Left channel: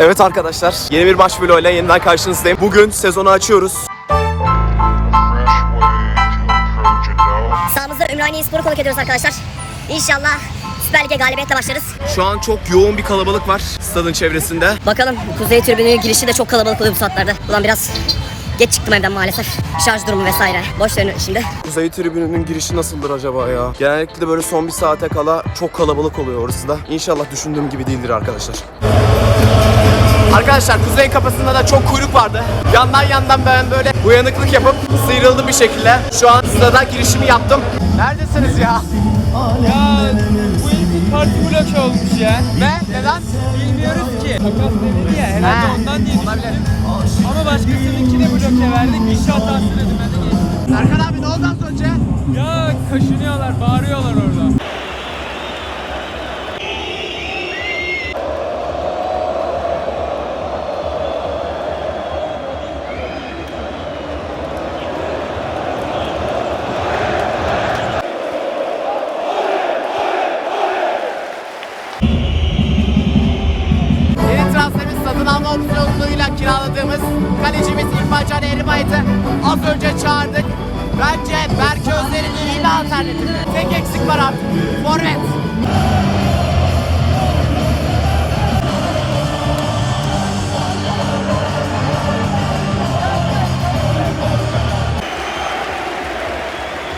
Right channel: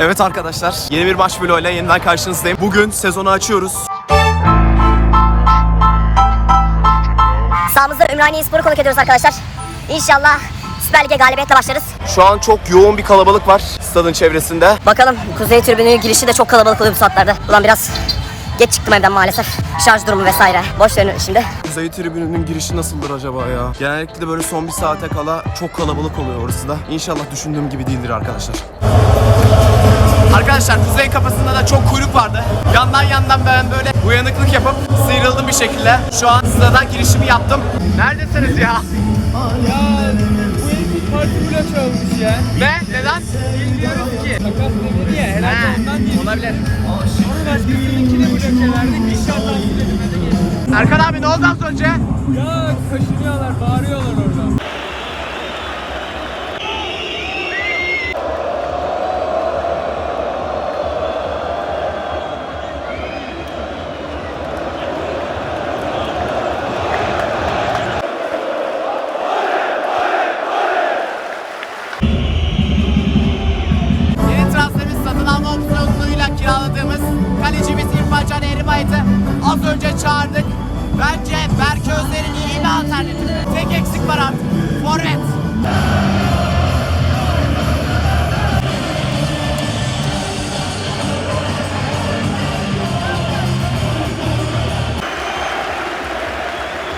Evet arkadaşlar, yeni bir maç vlogu ile yeniden karşınızdayım. Bugün sezonu açıyoruz. Sağımızda Ümraniye Spor'u konuk ediyoruz arkadaşlar. İnşallah Süper Lig'e galibiyetle başlarız. Şu an çok yoğun bir kalabalık var stadın çevresinde. Bakalım Kuzey Tribünü girişi de çok kalabalık oluyor bu saatlerde. Ulan biraz geç çıktım evden maalesef. Şarj durumu vesaire. Boş verin şimdi. Kuzey tribününün girişi nasıldır acaba ya? Genellikle böyle son bir saate kala çok kalabalık oluyor orası da. İnşallah düşündüğüm gibi değildir arkadaşlar. Arkadaşlar kuzey kapısında da çok kuyruk vardı. Yandan yandan ben böyle uyanıklık yapıp sıyrıldım bir şekilde. Şu an stada girişimi yaptım. Neredesiniz ya? Ya bu herifin kartı bloke olmuş ya. Ne? Neden? Bilmiyoruz. Takas değil. Olabilir. Ama başkasınınki de bloke verdi. Bir şey hatası dedim ben de geçtim. Erkan abi ne oldu az önce? Ya kaşınıyorlar, bağırıyorlar orada. Kalecimiz İrfan Can Eğribayit'i az önce çağırdık. Bence Berk Özler'in iyi bir alternatifi. Tek eksik var artık. Forvet.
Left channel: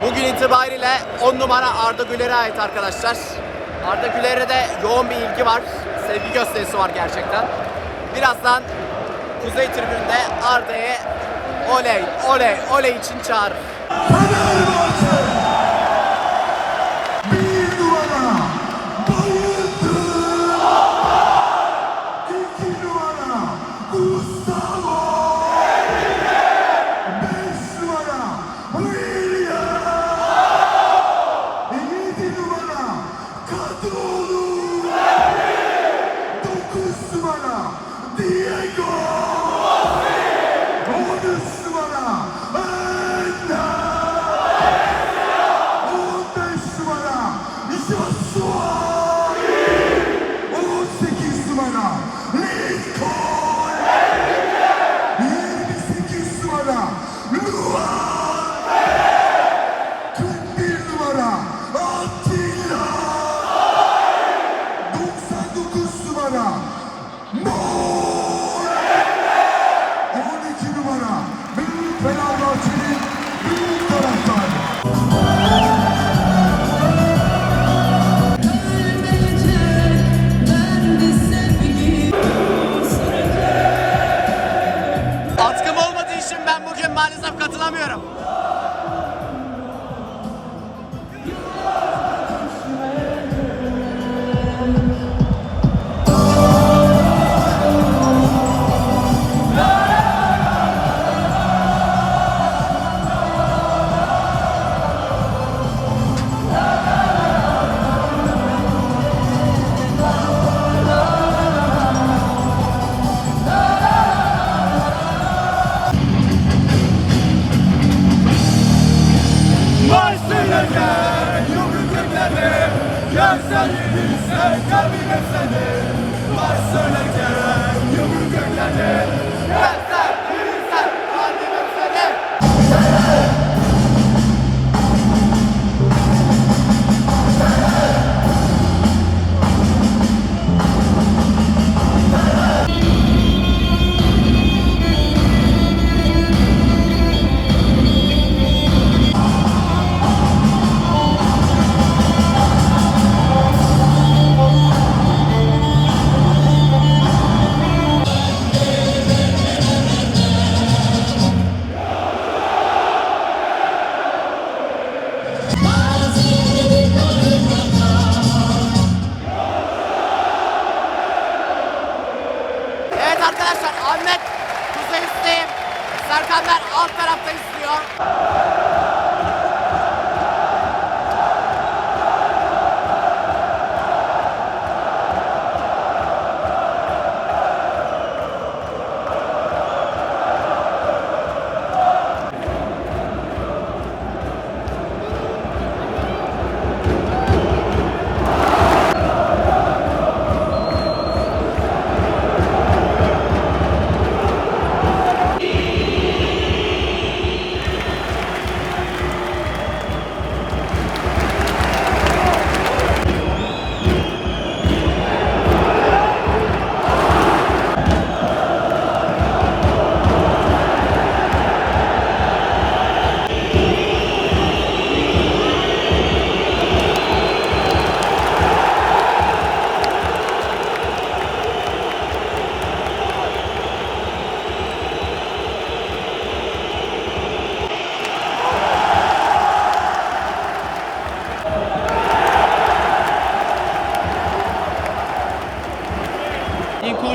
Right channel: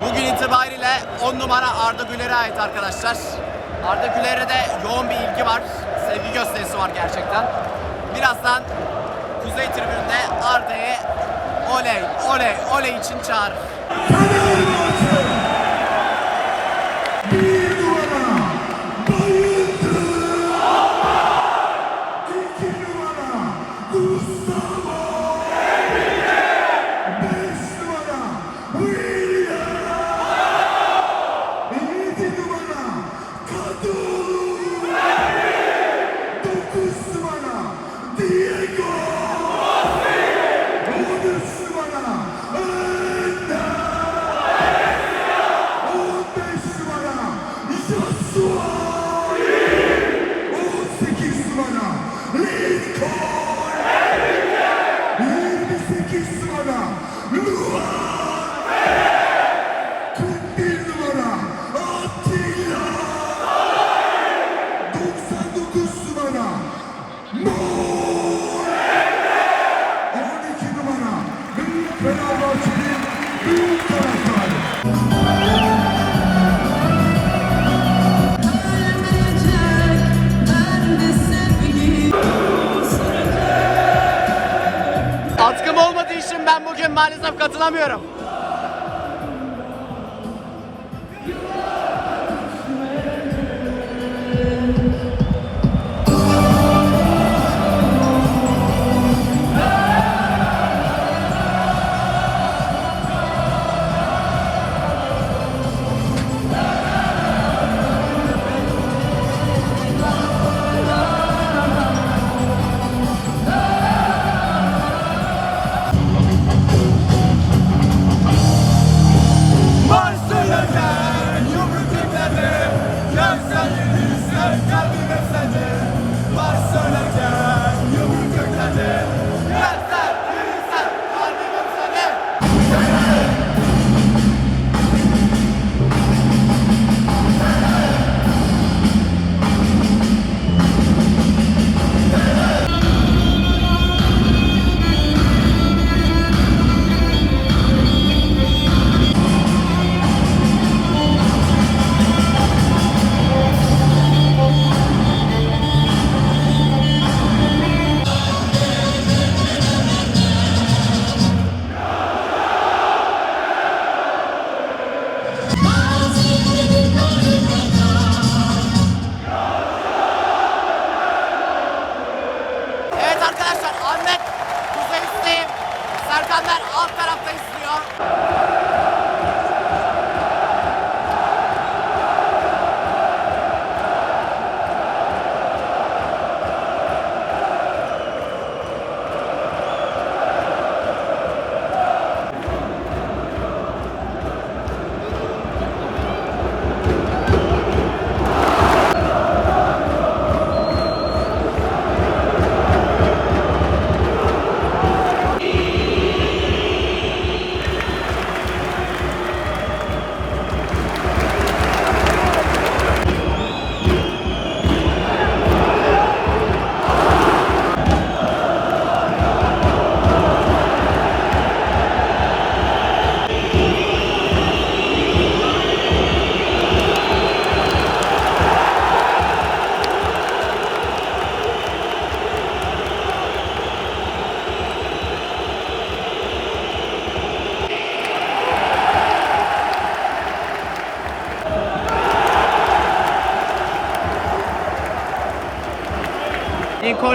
Bugün itibariyle 10 numara Arda Güler'e ait arkadaşlar. Arda Güler'e de yoğun bir ilgi var. Sevgi gösterisi var gerçekten. Birazdan Kuzey Tribünü'nde Arda'yı oley oley oley için çağırır. Pizza. Yumruklarını Yersen yürürsen kalbine seni Başlanırken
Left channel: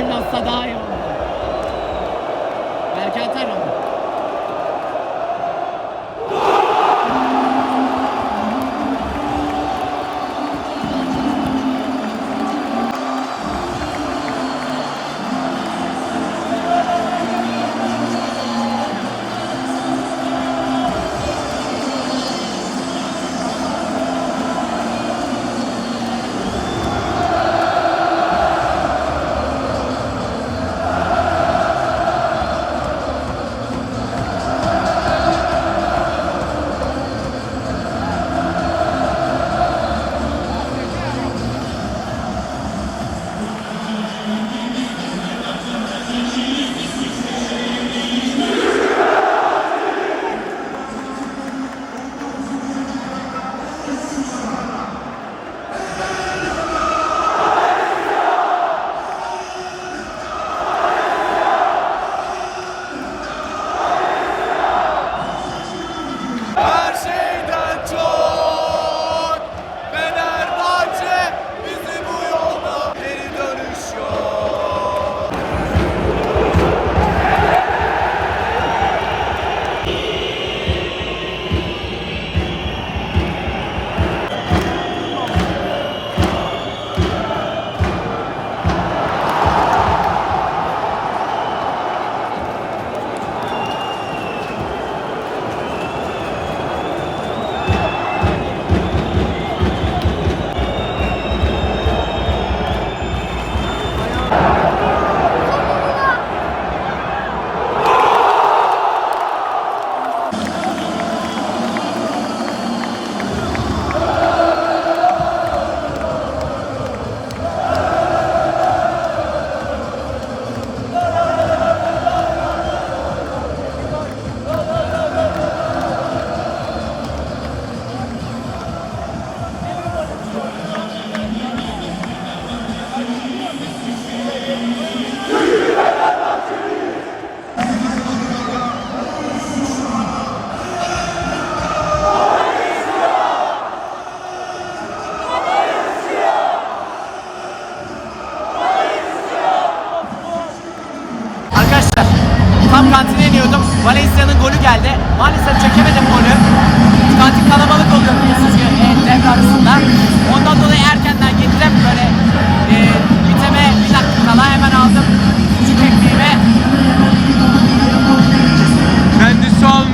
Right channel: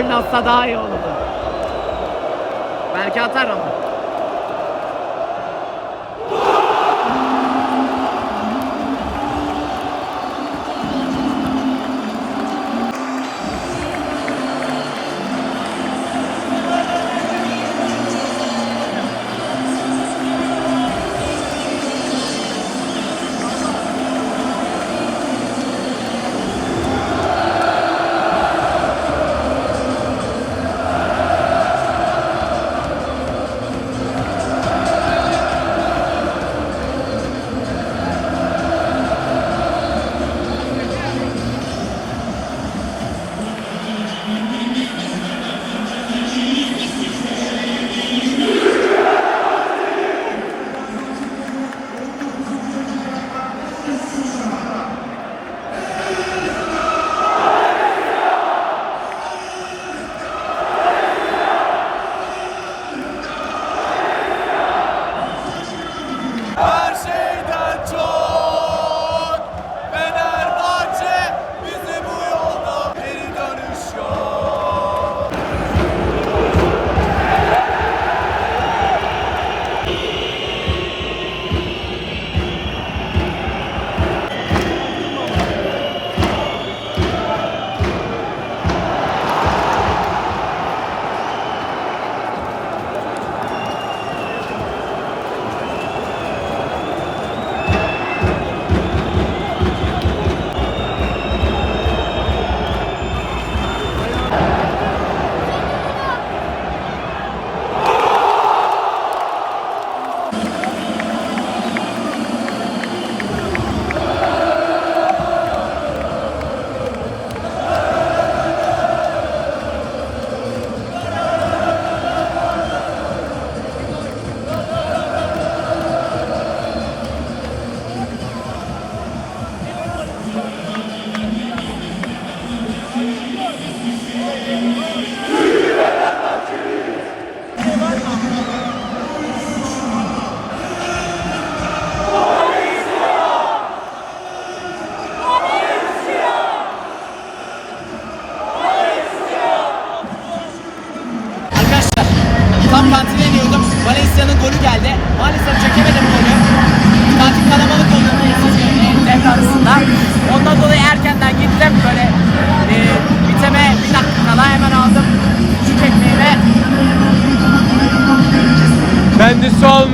nossa, dá eu.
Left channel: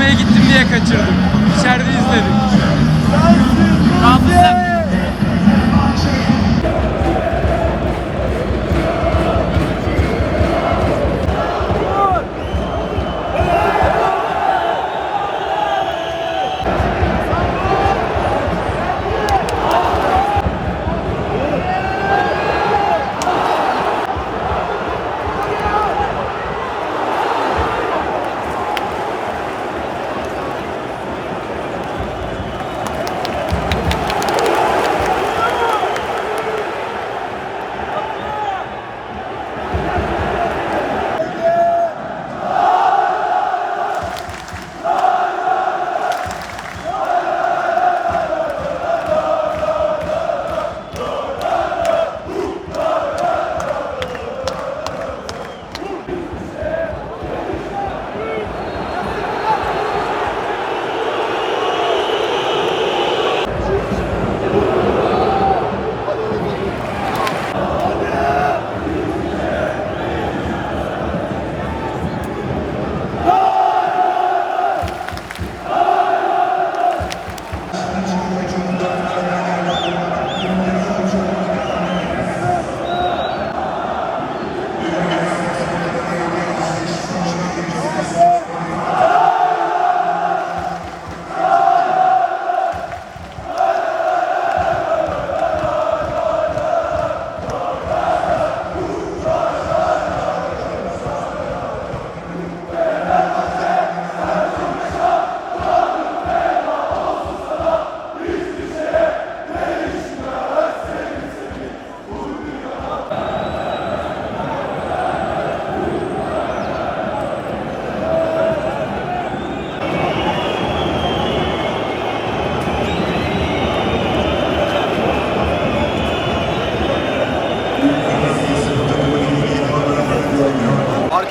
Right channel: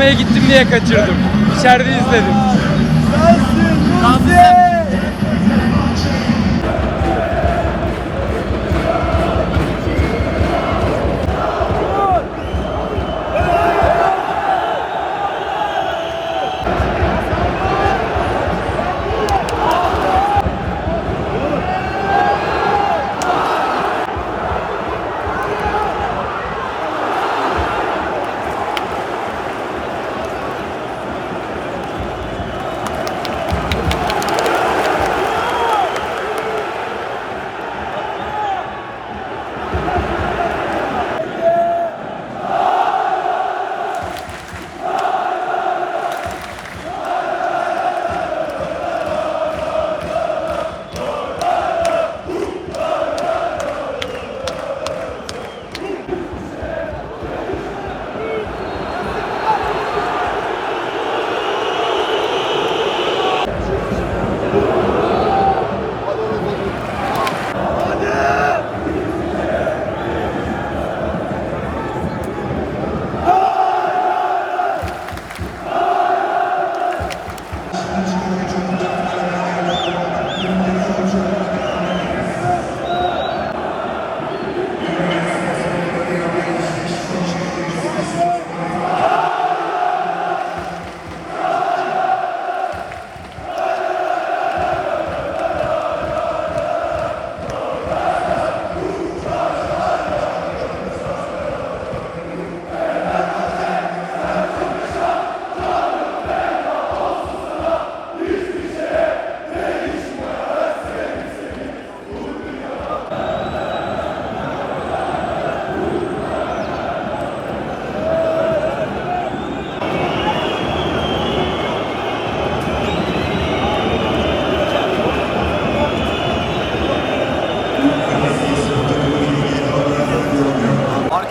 sinemaya gittim diye kaçırdım. İçeride izledim. Rahatsızım.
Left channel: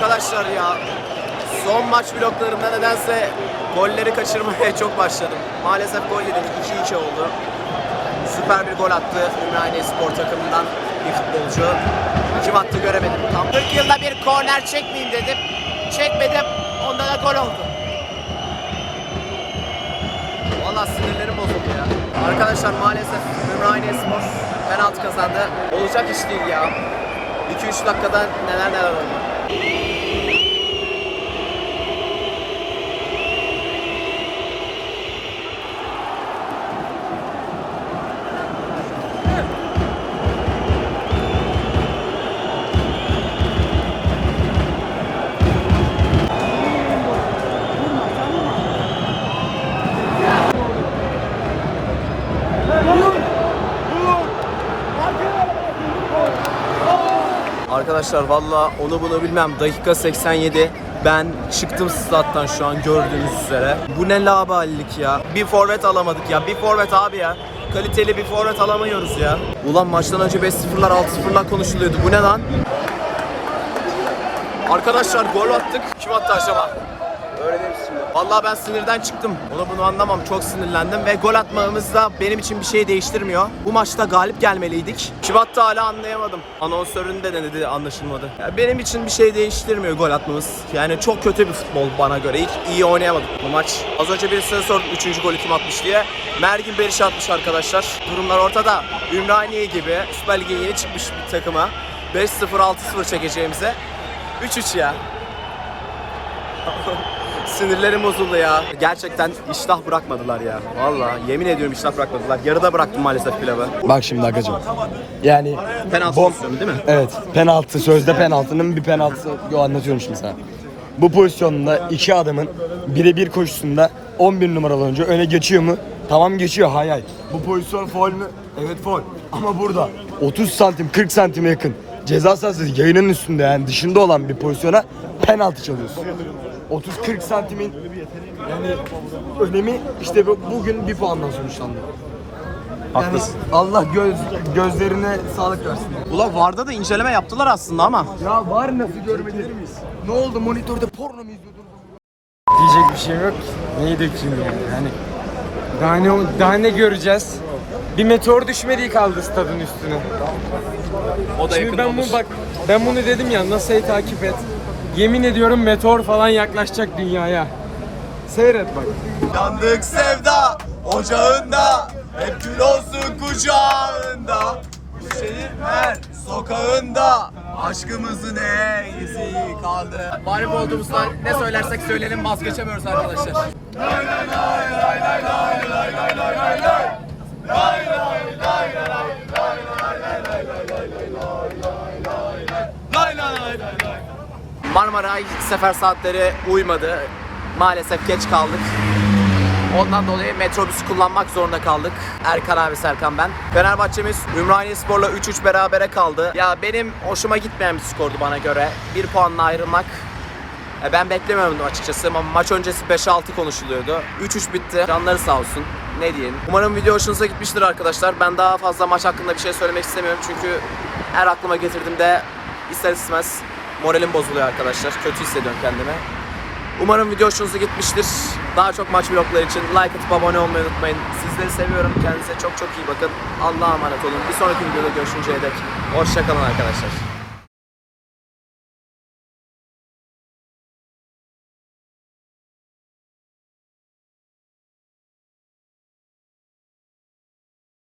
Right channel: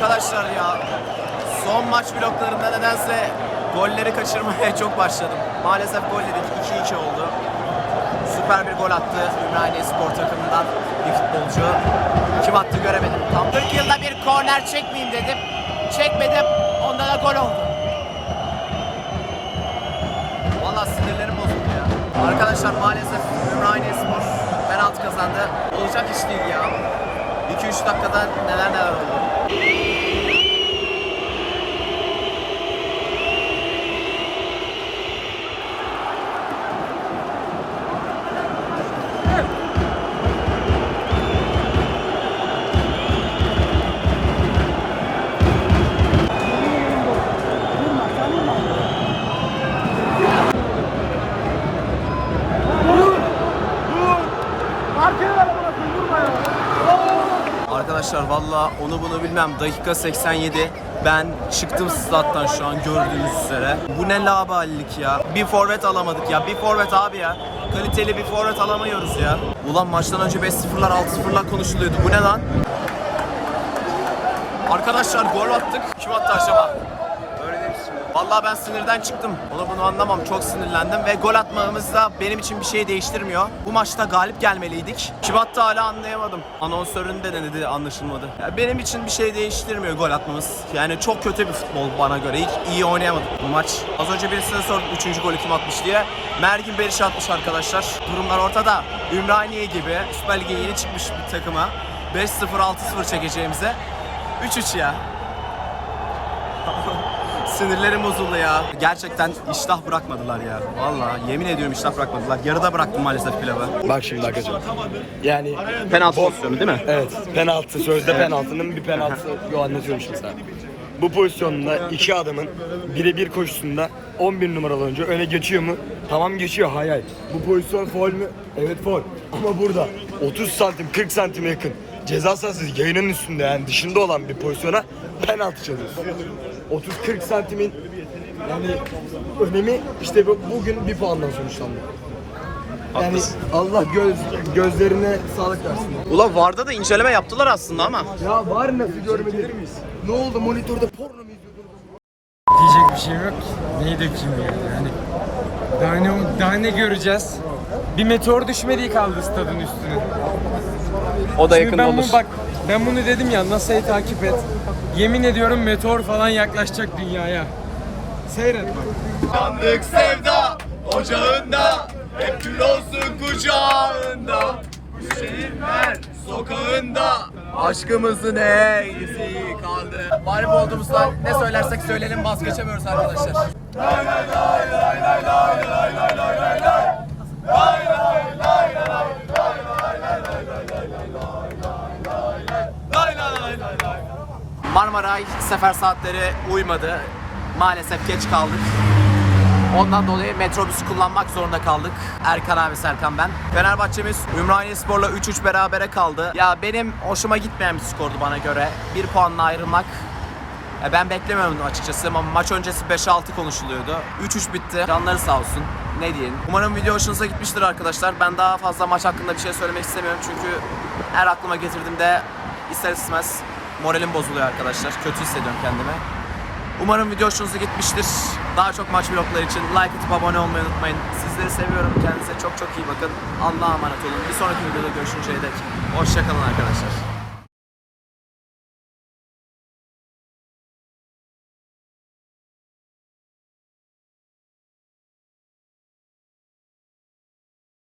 Arkadaşlar ya son maç bloklarında nedense golleri kaçırmaya çok başladım. Maalesef gol yedik 2-2 oldu. Süper bir gol attı Ümraniye Spor takımından bir futbolcu. Kim attı göremedim tam. 40 yılda bir korner çekmeyeyim dedim. Çekmedim. Onda da gol oldu. Valla sinirlerim bozuldu ya. Arkadaşlar maalesef Ümraniye Spor penaltı kazandı. Olacak iş değil ya. 2-3 dakikada neler neler oldu. Música Arkadaşlar valla onu bunu bilmem. Dakika 87. Ben çıktım stat'tan şu an gördüğünüz üzere. Bu ne labalilik ya. Bir forvet alamadık ya. Bir forvet abi ya. Kaliteli bir forvet alamıyoruz ya. Ulan maçtan önce 5-0'lar 6-0'lar konuşuluyordu. Bu ne lan? Arkadaşlar gol attık. Kim attı acaba? Öğreniriz şimdi. Vallahi ben sinirden çıktım. Onu bunu anlamam. Çok sinirlendim ve gol atmamız da benim için bir şey değiştirmiyor. Bu maçta galip gelmeliydik. Attı hala anlayamadım. Anonsörün de denedi anlaşılmadı. Ya benim için bir şey değiştirmiyor gol atmamız. Yani çok kötü bir futbol bana göre. İyi, iyi oynayamadık bu maç. Az önce birisine sordum 3. golü kim atmış diye. Mergin Beriş atmış arkadaşlar. Durumlar ortada. Ümraniye gibi Süper Lig'e yeni çıkmış bir takıma 5-0 6-0 çekeceğimize 3-3 ya. Sinirlerim bozuldu ya. Gerçekten iştah bırakmadılar ya. Vallahi yemin ediyorum iştah bırakmadılar. Yarıda bıraktım maalesef pilavı. Bak şimdi Agacım. Yani Penaltı pozisyonu değil mi? evet penaltı sözde penaltının bir penaltısı Yo, anlatıyorum şimdi sana. Bu pozisyonda iki adamın birebir koşusunda 11 numaralı oyuncu öne geçiyor mu? Tamam geçiyor hay hay. Bu pozisyon faul mü? Evet faul. Ama burada 30 santim 40 santime yakın ceza sahası yayının üstünde yani dışında olan bir pozisyona penaltı çalıyorsun. 30-40 santimin yani önemi işte bu, bugün bir puandan sonuçlandı. Yani Allah göz gözlerine sağlık versin. Ulan Varda da inceleme yaptılar aslında ama. Ya var nasıl görmedin? Ne oldu monitörde porno mu izliyordun? Diyecek bir şeyim yok ki. Neyi dökeyim yani? Yani daha ne, daha ne göreceğiz? Bir meteor düşmediği kaldı stadın üstüne. O da Şimdi ben bunu bak ben bunu dedim ya NASA'yı takip et. Yemin ediyorum meteor falan yaklaşacak dünyaya. Seyret bak. Yandık sevda ocağında Hep kül olsun kucağında Bu şehir her sokağında Aşkımızın ne izi kaldı Mağlup olduğumuzda ne söylersek söyleyelim vazgeçemiyoruz arkadaşlar Marmaray sefer saatleri uymadı. Maalesef geç kaldık. Ondan dolayı metrobüs kullanmak zorunda kaldık. Erkan abi Serkan ben. Fenerbahçemiz Ümraniye Spor'la 3-3 berabere kaldı. Ya benim hoşuma gitmeyen bir skordu bana göre. Bir puanla ayrılmak e, ben beklemiyordum açıkçası ama maç öncesi 5-6 konuşuluyordu. 3-3 bitti. Canları sağ olsun. Ne diyelim. Umarım video hoşunuza gitmiştir arkadaşlar. Ben daha fazla maç hakkında bir şey söylemek istemiyorum. Çünkü her aklıma getirdiğimde ister istemez moralim bozuluyor arkadaşlar. Kötü hissediyorum kendimi. Umarım video hoşunuza gitmiştir. Daha çok maç vlogları için like atıp abone olmayı unutmayın. Sizleri seviyorum. Kendinize çok çok iyi bakın. Allah'a emanet olun. Bir sonraki videoda görüşünceye dek. Hoşçakalın arkadaşlar.